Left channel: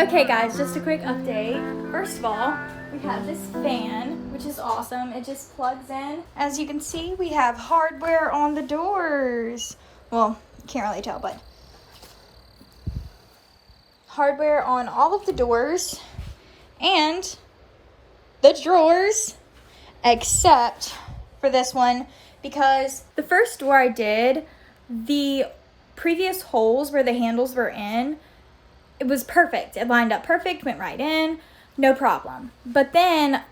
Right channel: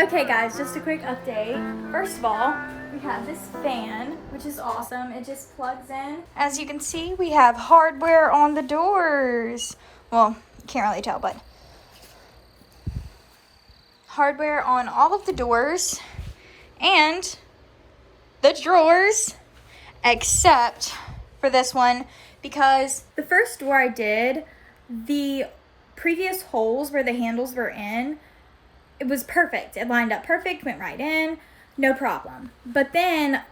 Okay guys, just a quick update. First of all, we have this fan, which is awesome. It just plugs in. As you can see, we have hardware on the doors. Well, you can't really tell, but hardware on all of the doors and the drawers, except for this one, because the first door I did, the previous holes where the handles were in, it was perfect. It lined up perfect, went right in, no problem. But then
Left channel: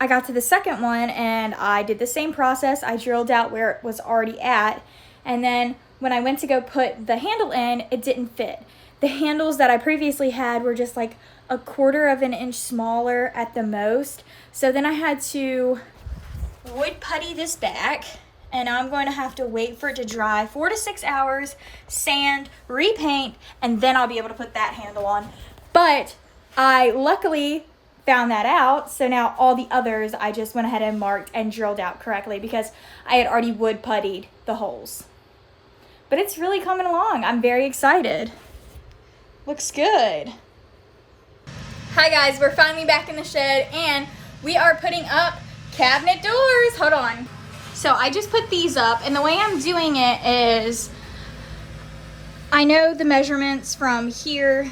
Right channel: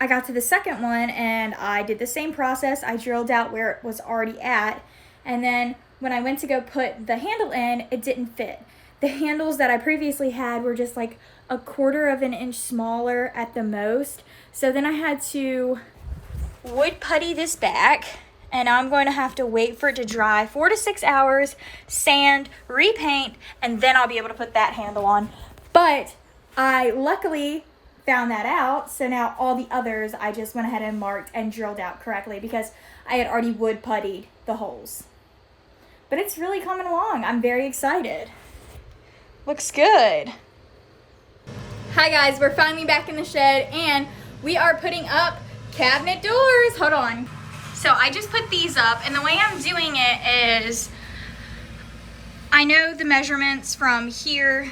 I got to the second one and I did the same process. I drilled out where it was already at. And then when I went to go put the handle in, it didn't fit. The handles that I previously had were just like 1/4 of an inch smaller at the most. So then I had to wood putty this back, and I'm going to have to wait for it to dry 4 to 6 hours, sand, repaint, and then I'll be able to put that handle on. But I luckily found that out, so now all the others I just went ahead and marked and drilled out correctly because I had already wood puttied the holes. But it's really coming along. I'm very excited. Looks good. Hi guys, we're finally back in the shed and we are putting up cabinet doors. Hold on. So I just put these up, and the way I'm doing it is I know the measurements from here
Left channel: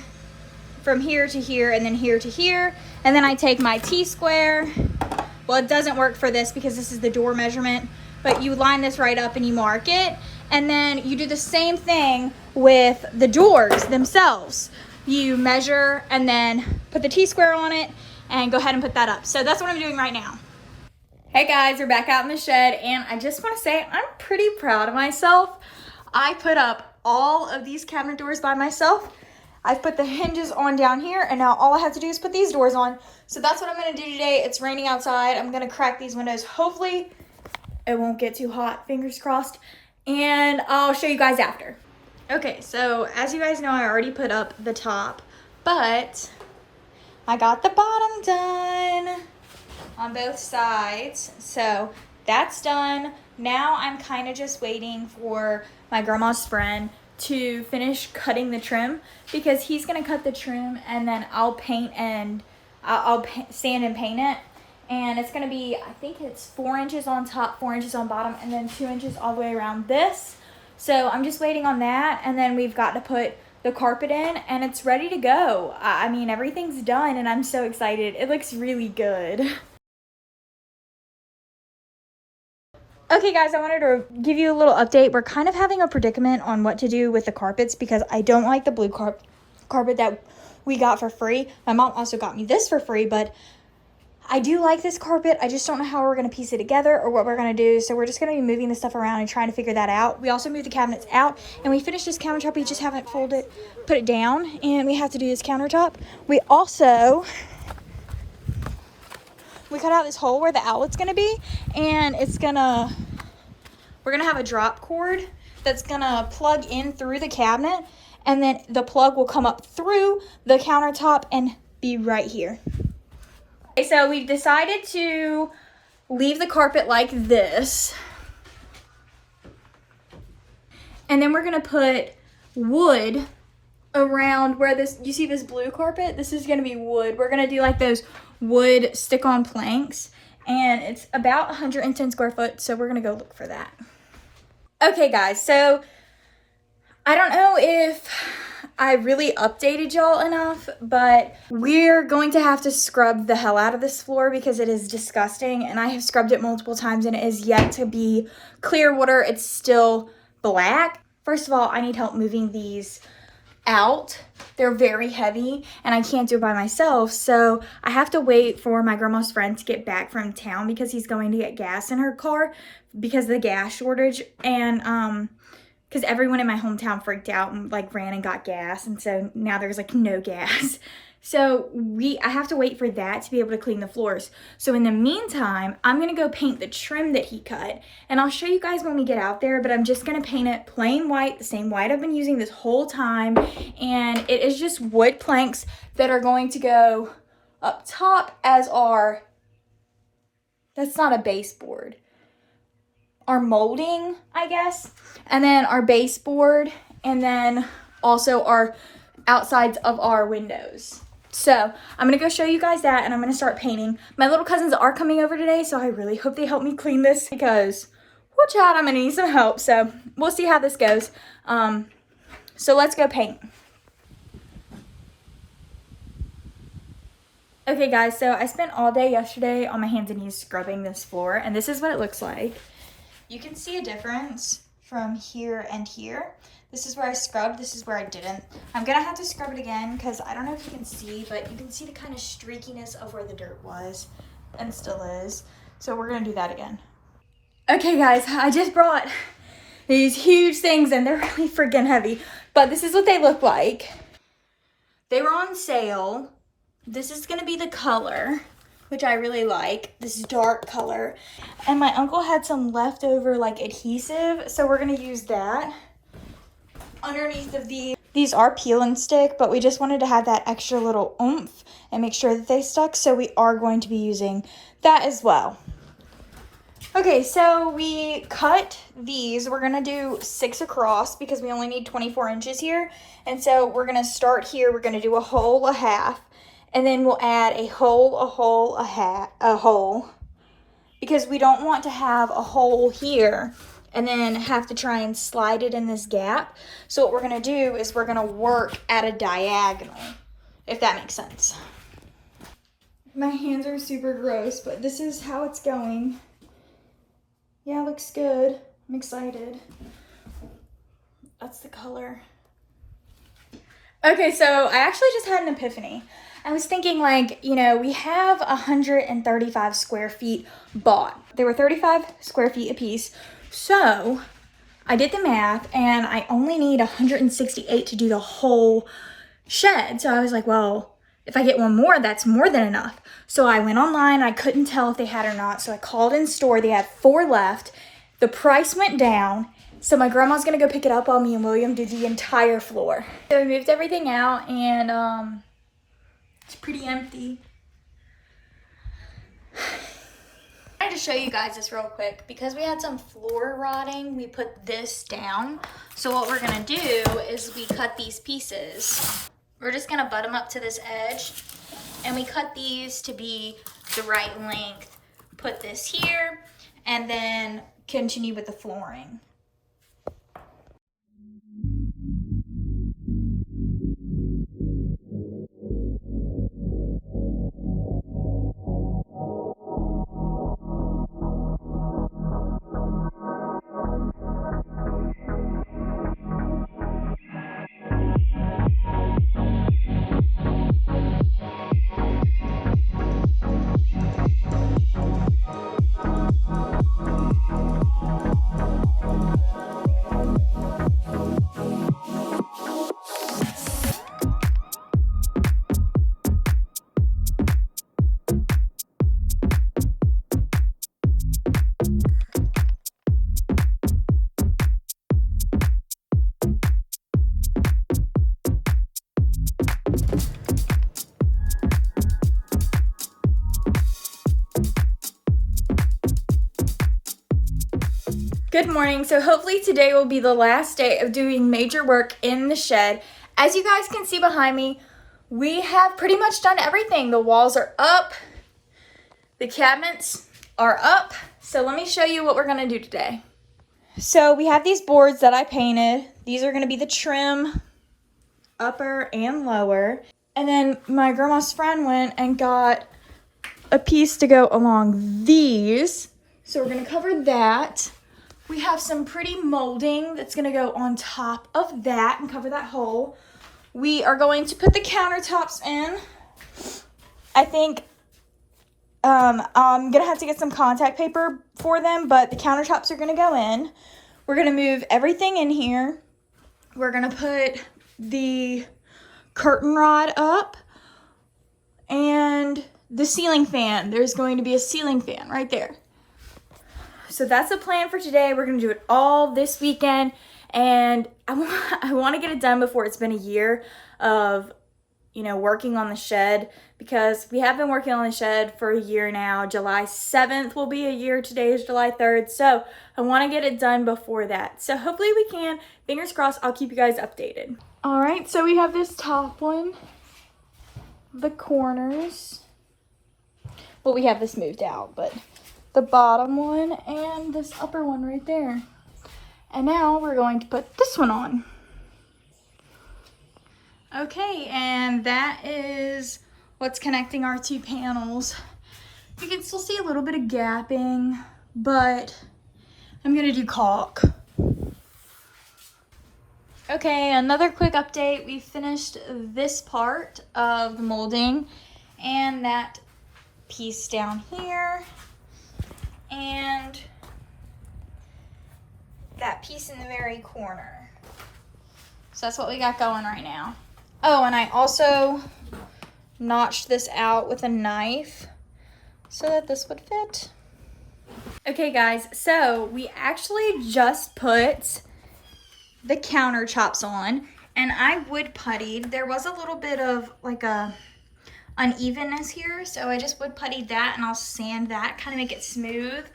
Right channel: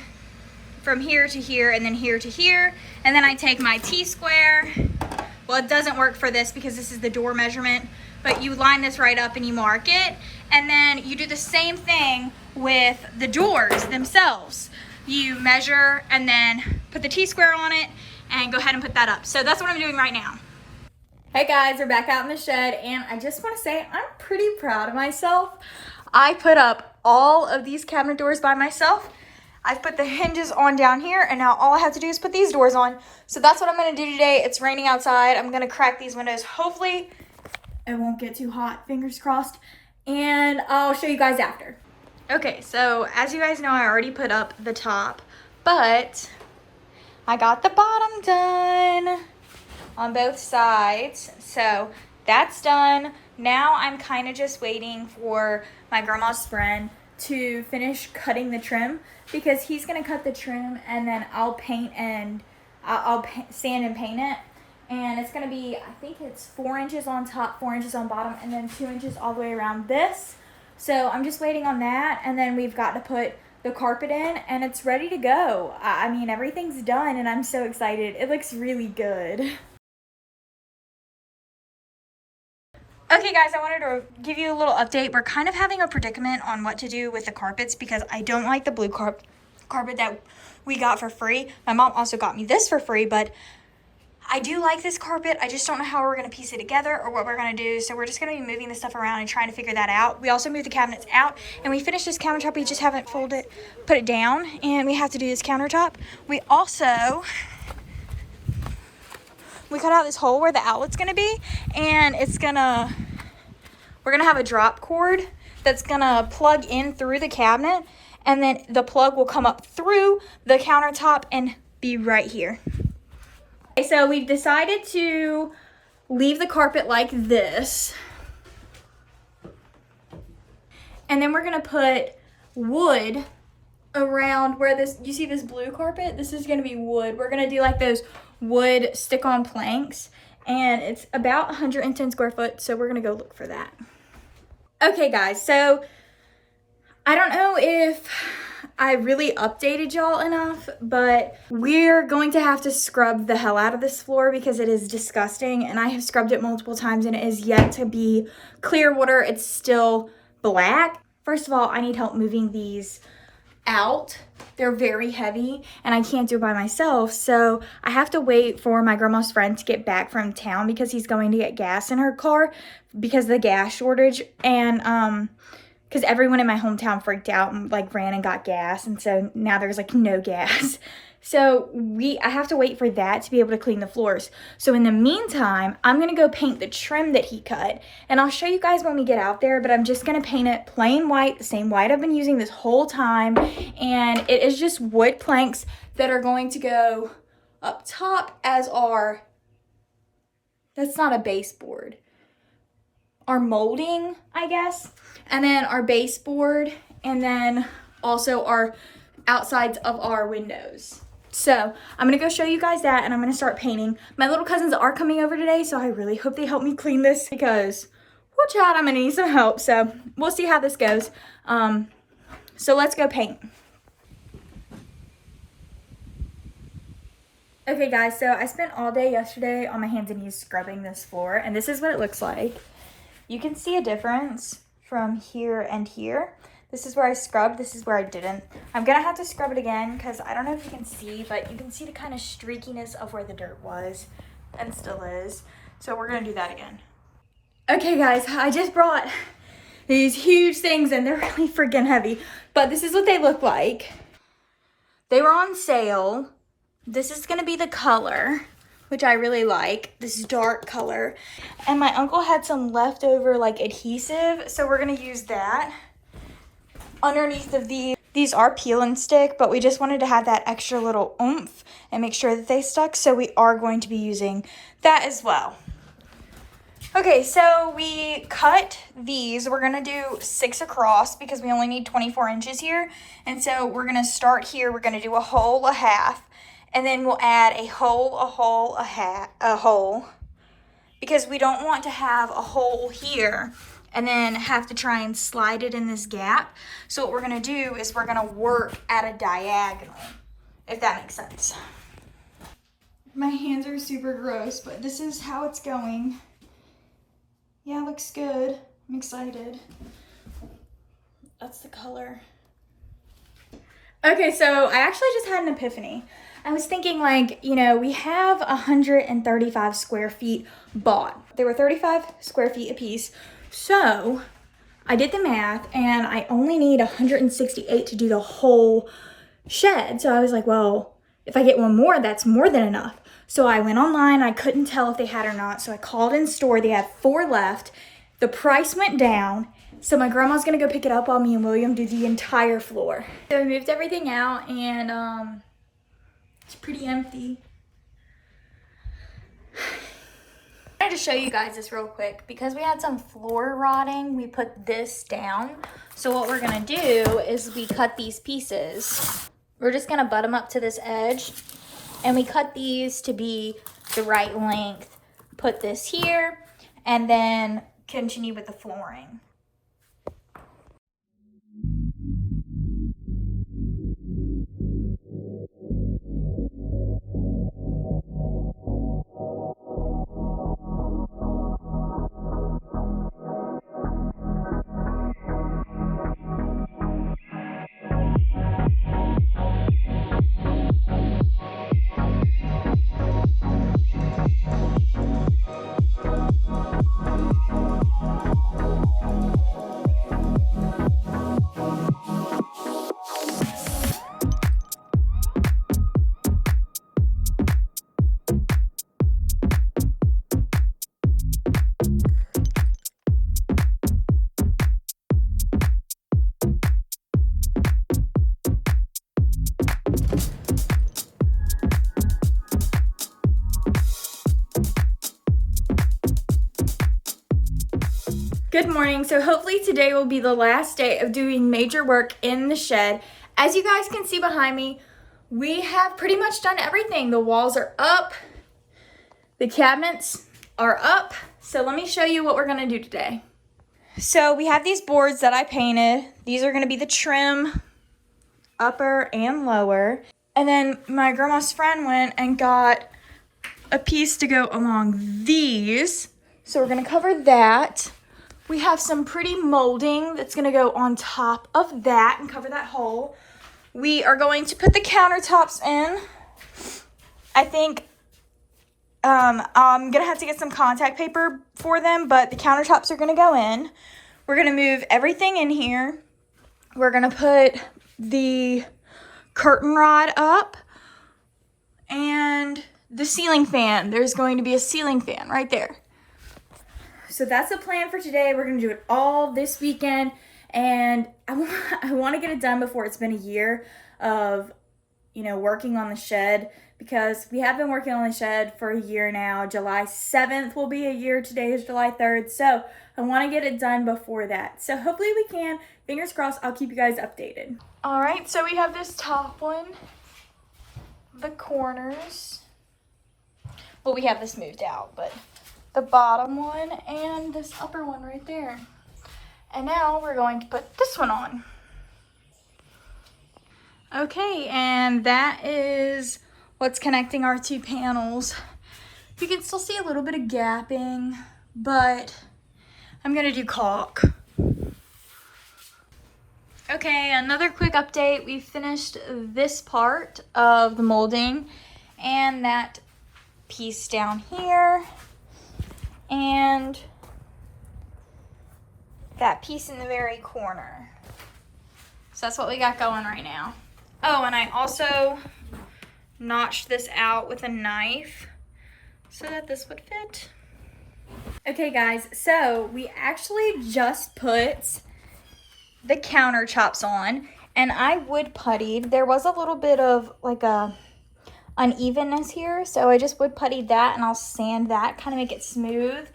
to here, and then here to here, and then I take my T-square. Well, it doesn't work for this because this is the door measurement, but you line this right up and you mark it, and then you do the same thing with the doors themselves. You measure and then put the T-square on it and go ahead and put that up. So that's what I'm doing right now. Hey guys, we're back out in the shed, and I just want to say I'm pretty proud of myself. I put up all of these cabinet doors by myself. I've put the hinges on down here, and now all I have to do is put these doors on. So that's what I'm going to do today. It's raining outside. I'm going to crack these windows. Hopefully it won't get too hot, fingers crossed, and I'll show you guys after. Okay, so as you guys know, I already put up the top, but I got the bottom done on both sides. So that's done. Now I'm kind of just waiting for my grandma's friend to finish cutting the trim, because he's gonna cut the trim and then I'll paint and I'll sand and paint it. And it's gonna be, I think it's 4 inches on top, 4 inches on bottom, and then 2 inches all the way around this. So I'm just waiting on that, and then we've got to put the carpet in and it's ready to go. I mean, everything's done and I'm so excited. It looks really good. Okay guys, I wanted to give you a little update. We're kind of having a predicament on what to do with the carpets because I don't like the blue carpet that we got for free. My mom also got me this for free, but I do like this carpet. I just don't know how we're going to piece it together or what we're going to do. So we're just going to be moving the stuff around and trying to figure that out. We also moved the cabinets out and we finished this countertop. We just haven't put it down, and we have to do this countertop. We cut out this hole where the outlet's gonna be, and we're gonna have a drop cord that's gonna plug in through the cabinet, and then the plug will come up through the countertop and be right here. Okay, so we've decided to leave the carpet like this, and then we're gonna put wood around where you see this blue carpet. This is gonna be wood. We're gonna do like those wood stick-on planks, and it's about 110 square foot, so we're gonna go look for that. Okay guys, so I don't know if I really updated y'all enough, but we're going to have to scrub the hell out of this floor because it is disgusting, and I have scrubbed it multiple times and it is yet to be clear water. It's still black. First of all, I need help moving these out. They're very heavy and I can't do it by myself, so I have to wait for my grandma's friend to get back from town because he's going to get gas in her car because of the gas shortage, and because everyone in my hometown freaked out and like ran and got gas, and so now there's like no gas. So I have to wait for that to be able to clean the floors. So in the meantime, I'm gonna go paint the trim that he cut, and I'll show you guys when we get out there, but I'm just gonna paint it plain white, the same white I've been using this whole time, and it is just wood planks that are going to go up top as that's not a baseboard, our molding, I guess, and then our baseboard, and then also our outsides of our windows. So I'm gonna go show you guys that, and I'm gonna start painting. My little cousins are coming over today, so I really hope they help me clean this because, watch out, I'm gonna need some help. So we'll see how this goes. So let's go paint. Okay guys, so I spent all day yesterday on my hands and knees scrubbing this floor, and this is what it looks like. You can see a difference from here and here. This is where I scrubbed, this is where I didn't. I'm gonna have to scrub it again because I don't know if you can see, but you can see the kind of streakiness of where the dirt was and still is. So we're gonna do that again. Okay guys, I just brought these huge things and they're really freaking heavy, but this is what they look like. They were on sale. This is gonna be the color, which I really like, this dark color. And my uncle had some leftover like adhesive, so we're gonna use that. Underneath of these are peel and stick, but we just wanted to have that extra little oomph and make sure that they stuck, so we are going to be using that as well. Okay, so we cut these. We're gonna do 6 across because we only need 24 inches here. And so we're gonna start here, we're gonna do a hole, a half, and then we'll add a hole, a hole, a hole, because we don't want to have a hole here and then have to try and slide it in this gap. So what we're gonna do is we're gonna work at a diagonal, if that makes sense. My hands are super gross, but this is how it's going. Yeah, it looks good. I'm excited. That's the color. Okay, so I actually just had an epiphany. I was thinking, like, you know, we have 135 square feet bought. There were 35 square feet a piece. So I did the math and I only need 168 to do the whole shed. So I was like, well, if I get one more, that's more than enough. So I went online. I couldn't tell if they had or not. So I called in store. They had 4 left. The price went down. So my grandma's going to go pick it up while me and William do the entire floor. So we moved everything out and it's pretty empty. I wanted to show you guys this real quick because we had some floor rotting. We put this down. So what we're gonna do is we cut these pieces. We're just gonna butt them up to this edge, and we cut these to be the right length. Put this here and then continue with the flooring. Good morning. So hopefully today will be the last day of doing major work in the shed. As you guys can see behind me, we have pretty much done everything. The walls are up, the cabinets are up. So let me show you what we're gonna do today. So we have these boards that I painted. These are gonna be the trim, upper and lower. And then my grandma's friend went and got a piece to go along these. So we're gonna cover that. We have some pretty molding that's gonna go on top of that and cover that hole. We are going to put the countertops in. I think I'm gonna have to get some contact paper for them, but the countertops are gonna go in. We're gonna move everything in here. We're gonna put the curtain rod up and the ceiling fan. There's going to be a ceiling fan right there. So that's the plan for today. We're gonna do it all this weekend, and I want to get it done before it's been a year of, you know, working on the shed, because we have been working on the shed for a year now. July 7th will be a year. Today is July 3rd. So I want to get it done before that. So hopefully we can. Fingers crossed. I'll keep you guys updated. All right, so we have this top one. the corners. Well, we have this moved out, but the bottom one and this upper one right there. And now we're going to put this one on. Okay, and that is what's connecting our two panels. You can still see a little bit of gapping, but I'm gonna do caulk. Okay, another quick update. We finished this part of the molding and that piece down here and that piece in the very corner. So that's what we got going right now. Oh, and I also notched this out with a knife so that this would fit. Okay guys, so we actually just put the counter chops on and I wood puttied. There was a little bit of like a unevenness here, so I just wood puttied that and I'll sand that, kind of make it smooth.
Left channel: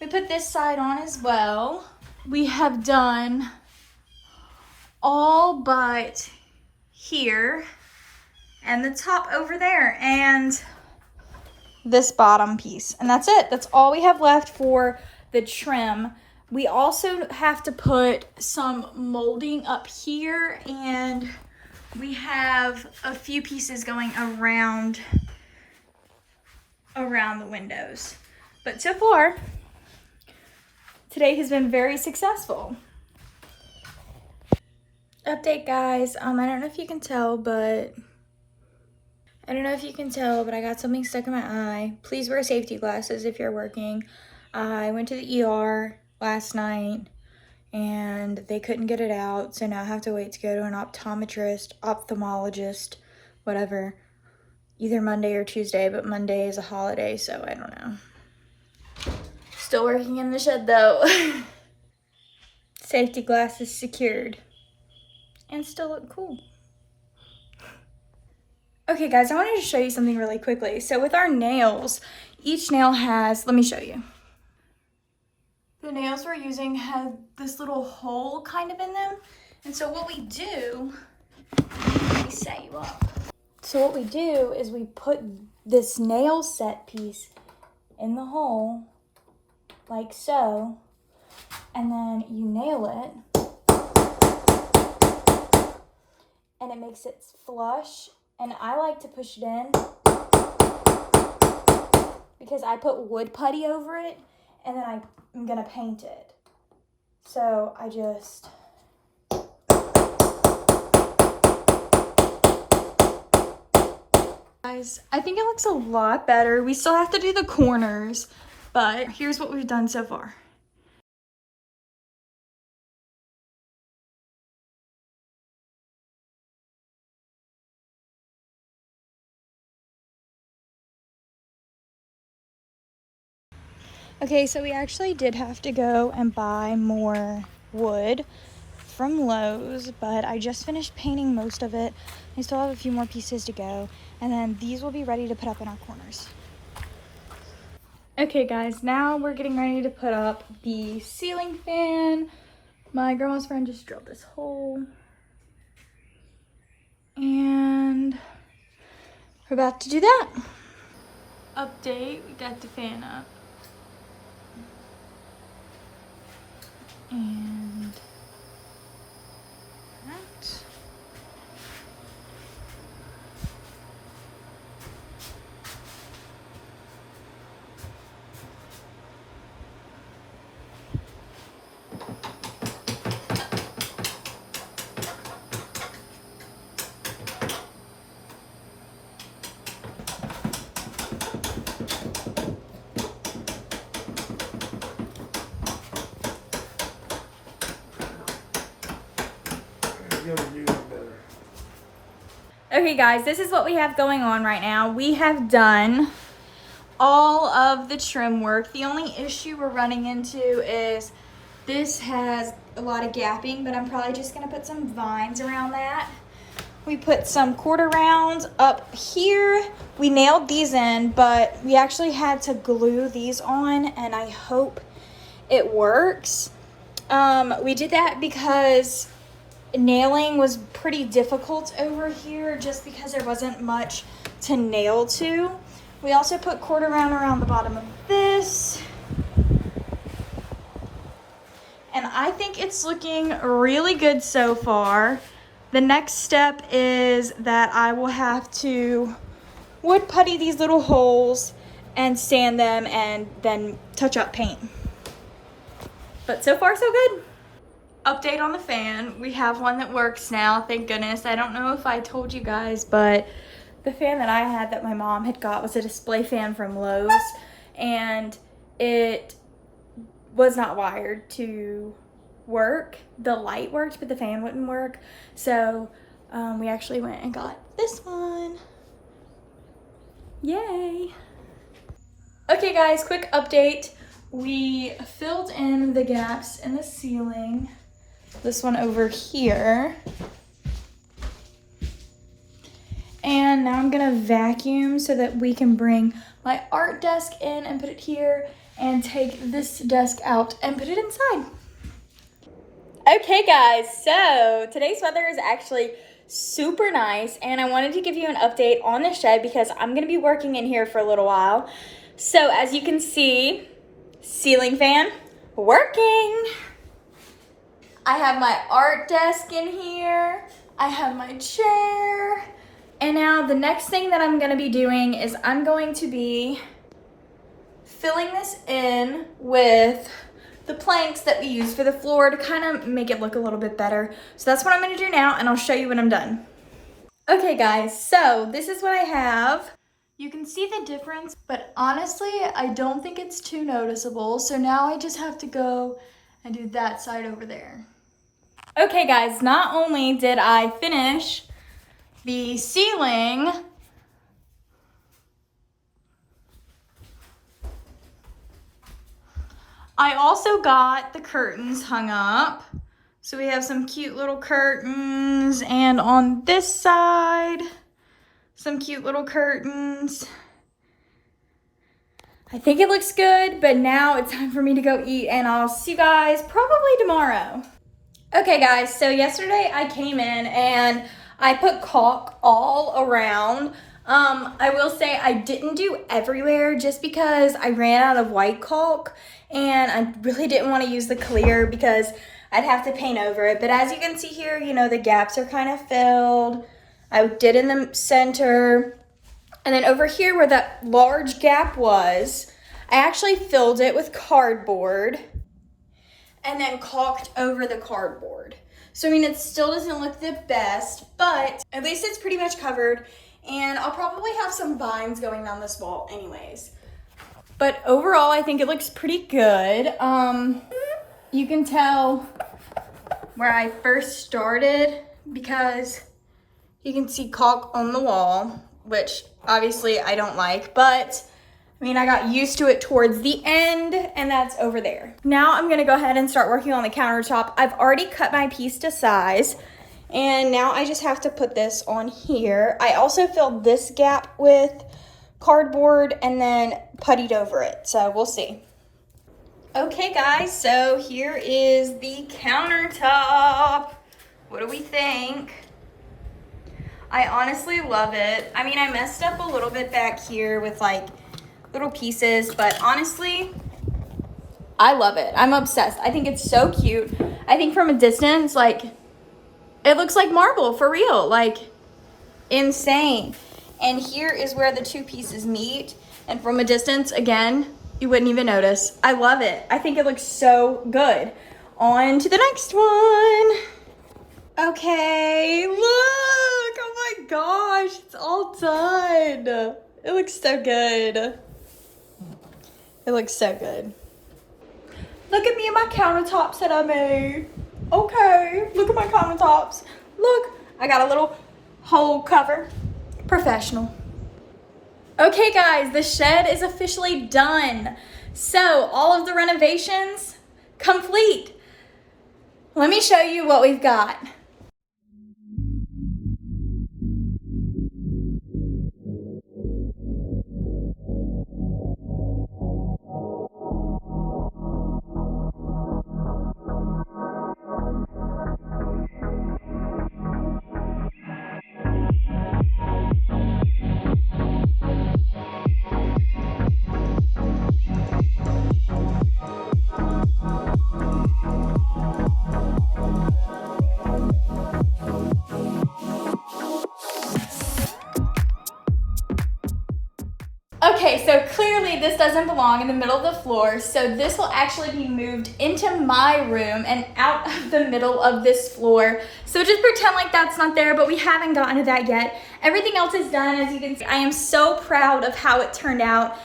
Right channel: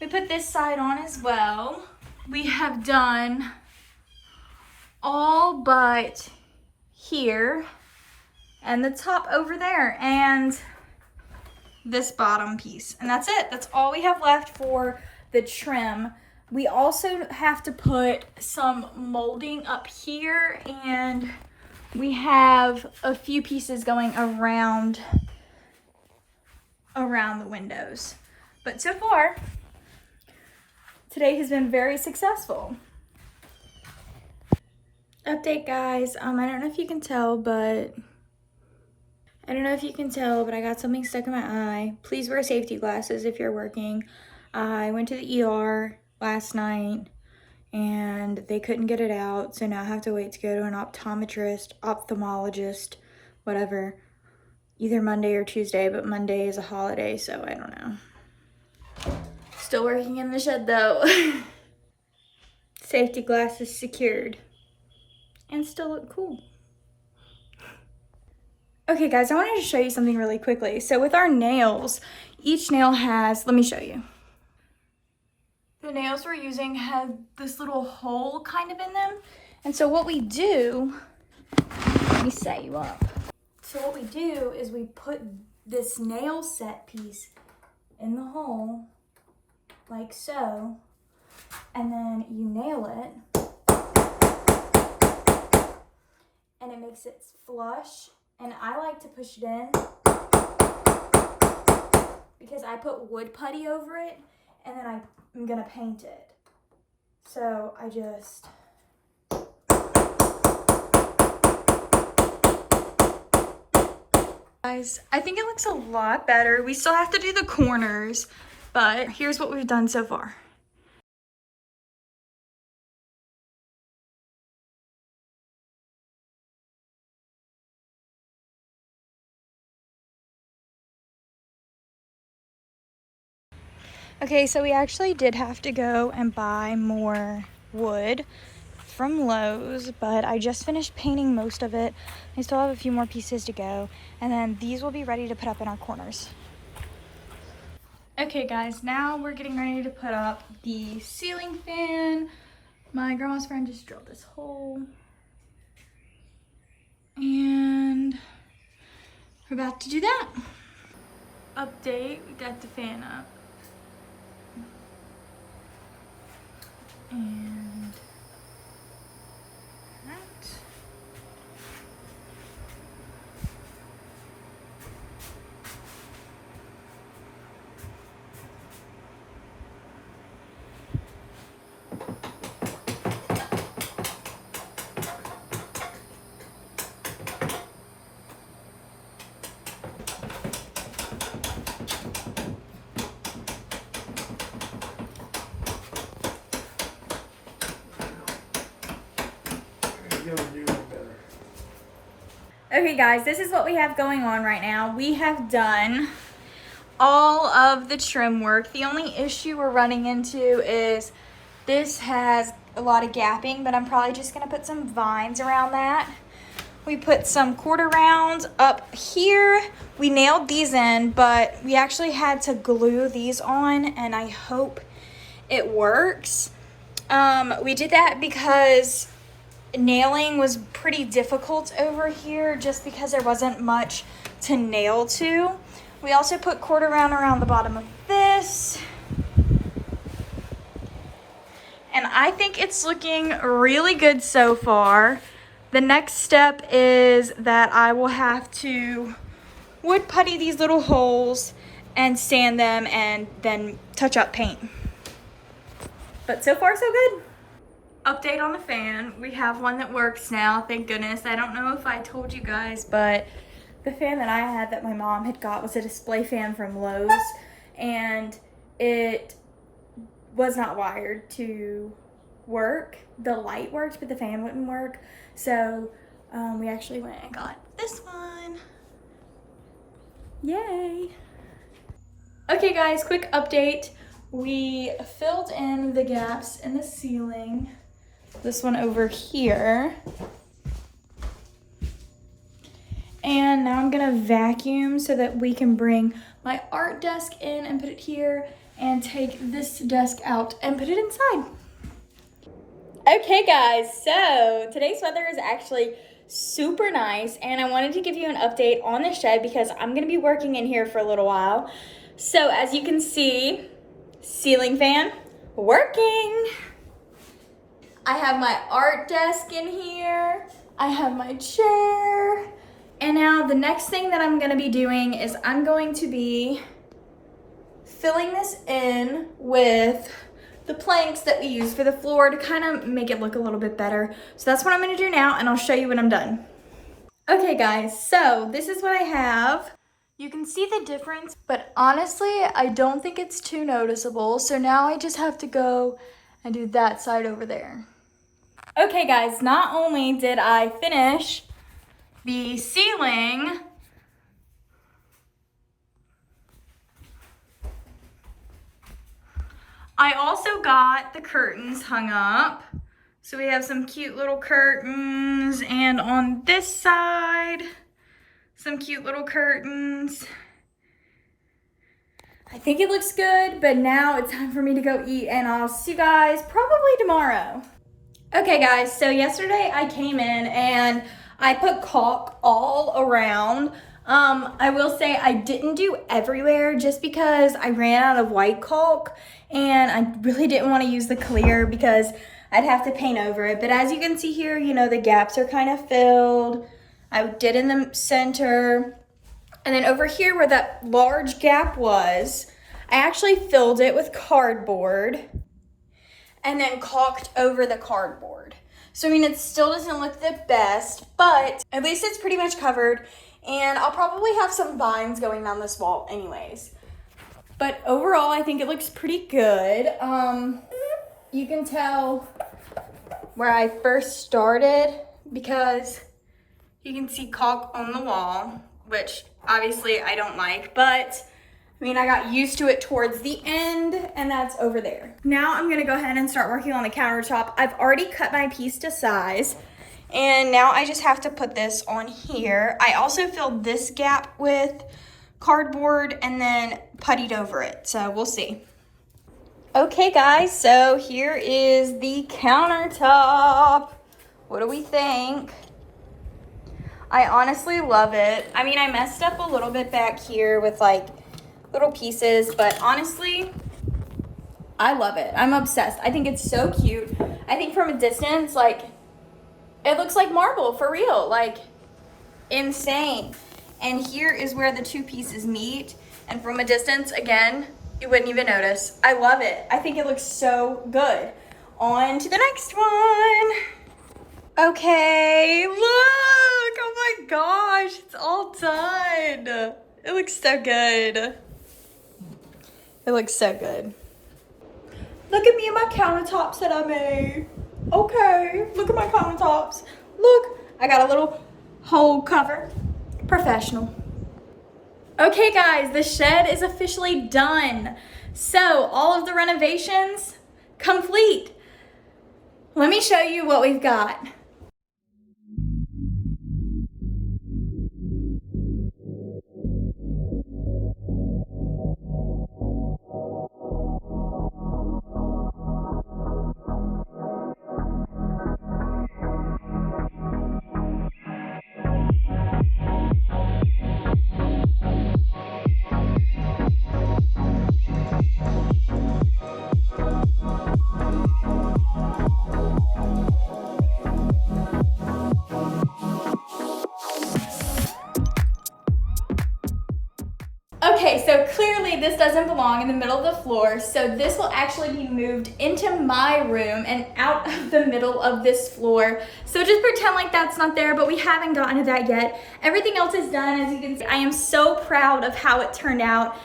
We put this side on as well. We have done all but here and the top over there and this bottom piece, and that's it. That's all we have left for the trim. We also have to put some molding up here, and we have a few pieces going around the windows. But so far, today has been very successful. Update guys, I don't know if you can tell, but I got something stuck in my eye. Please wear safety glasses if you're working. I went to the ER last night and they couldn't get it out, so now I have to wait to go to an optometrist, ophthalmologist, whatever, either Monday or Tuesday, but Monday is a holiday, so I don't know. Still working in the shed though. Safety glasses secured and still look cool. Okay guys, I wanted to show you something really quickly. So with our nails, each nail has, let me show you. The nails we're using have this little hole kind of in them. And so what we do, let me set you up. So what we do is we put this nail set piece in the hole, like so, and then you nail it, and it makes it flush. And I like to push it in because I put wood putty over it and then I'm gonna paint it. So I just, guys, I think it looks a lot better. We still have to do the corners, but here's what we've done so far. Okay, so we actually did have to go and buy more wood from Lowe's, but I just finished painting most of it. I still have a few more pieces to go, and then these will be ready to put up in our corners. Okay guys, now we're getting ready to put up the ceiling fan. My grandma's friend just drilled this hole, and we're about to do that. Update, we got the fan up. And that. Okay guys, this is what we have going on right now. We have done all of the trim work. The only issue we're running into is this has a lot of gapping, but I'm probably just gonna put some vines around that. We put some quarter rounds up here. We nailed these in, but we actually had to glue these on, and I hope it works. We did that because nailing was pretty difficult over here just because there wasn't much to nail to. We also put quarter round around the bottom of this. And I think it's looking really good so far. The next step is that I will have to wood putty these little holes and sand them and then touch up paint. But so far so good. Update on the fan. We have one that works now, thank goodness. I don't know if I told you guys, but the fan that I had that my mom had got was a display fan from Lowe's, and it was not wired to work. The light worked, but the fan wouldn't work. So we actually went and got this one. Yay. Okay guys, quick update. We filled in the gaps in the ceiling. This one over here. And now I'm gonna vacuum so that we can bring my art desk in and put it here, and take this desk out and put it inside. Okay guys, so today's weather is actually super nice, and I wanted to give you an update on the shed because I'm gonna be working in here for a little while. So as you can see, ceiling fan working. I have my art desk in here. I have my chair. And now the next thing that I'm gonna be doing is I'm going to be filling this in with the planks that we use for the floor to kind of make it look a little bit better. So that's what I'm gonna do now, and I'll show you when I'm done. Okay guys, so this is what I have. You can see the difference, but honestly, I don't think it's too noticeable. So now I just have to go and do that side over there. Okay guys, not only did I finish the ceiling, I also got the curtains hung up. So we have some cute little curtains, and on this side, some cute little curtains. I think it looks good, but now it's time for me to go eat, and I'll see you guys probably tomorrow. Okay guys, so yesterday I came in and I put caulk all around. I will say I didn't do everywhere just because I ran out of white caulk, and I really didn't want to use the clear because I'd have to paint over it. But as you can see here, you know, the gaps are kind of filled. I did in the center. And then over here where that large gap was, I actually filled it with cardboard and then caulked over the cardboard. So I mean, it still doesn't look the best, but at least it's pretty much covered. And I'll probably have some vines going down this wall anyways. But overall, I think it looks pretty good. You can tell where I first started because you can see caulk on the wall, which obviously I don't like, but I mean, I got used to it towards the end, and that's over there. Now I'm gonna go ahead and start working on the countertop. I've already cut my piece to size, and now I just have to put this on here. I also filled this gap with cardboard and then puttied over it, so we'll see. Okay guys, so here is the countertop. What do we think? I honestly love it. I mean, I messed up a little bit back here with like little pieces, but honestly, I love it. I'm obsessed. I think it's so cute. I think from a distance, like, it looks like marble for real, like insane. And here is where the two pieces meet. And from a distance, again, you wouldn't even notice. I love it. I think it looks so good. On to the next one. Okay, look, oh my gosh, it's all done. It looks so good. It looks so good. Look at me and my countertops that I made. Okay, look at my countertops. Look, I got a little hole cover. Professional. Okay guys, the shed is officially done. So all of the renovations complete. Let me show you what we've got. Okay, so clearly this doesn't belong in the middle of the floor, so this will actually be moved into my room and out of the middle of this floor. So just pretend like that's not there, but we haven't gotten to that yet. Everything else is done, as you can see. I am so proud of how it turned out.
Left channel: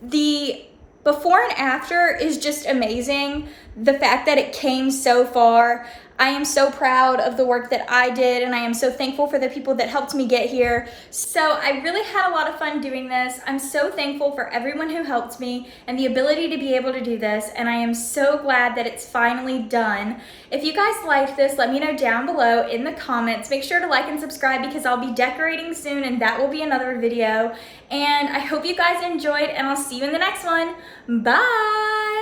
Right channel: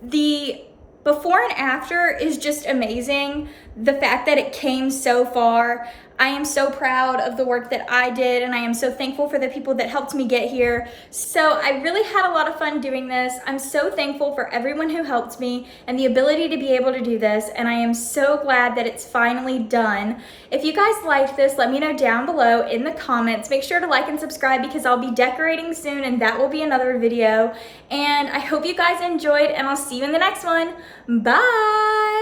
The before and after is just amazing. The fact that it came so far. I am so proud of the work that I did, and I am so thankful for the people that helped me get here. So I really had a lot of fun doing this. I'm so thankful for everyone who helped me and the ability to be able to do this, and I am so glad that it's finally done. If you guys liked this, let me know down below in the comments. Make sure to like and subscribe because I'll be decorating soon, and that will be another video. And I hope you guys enjoyed, and I'll see you in the next one. Bye!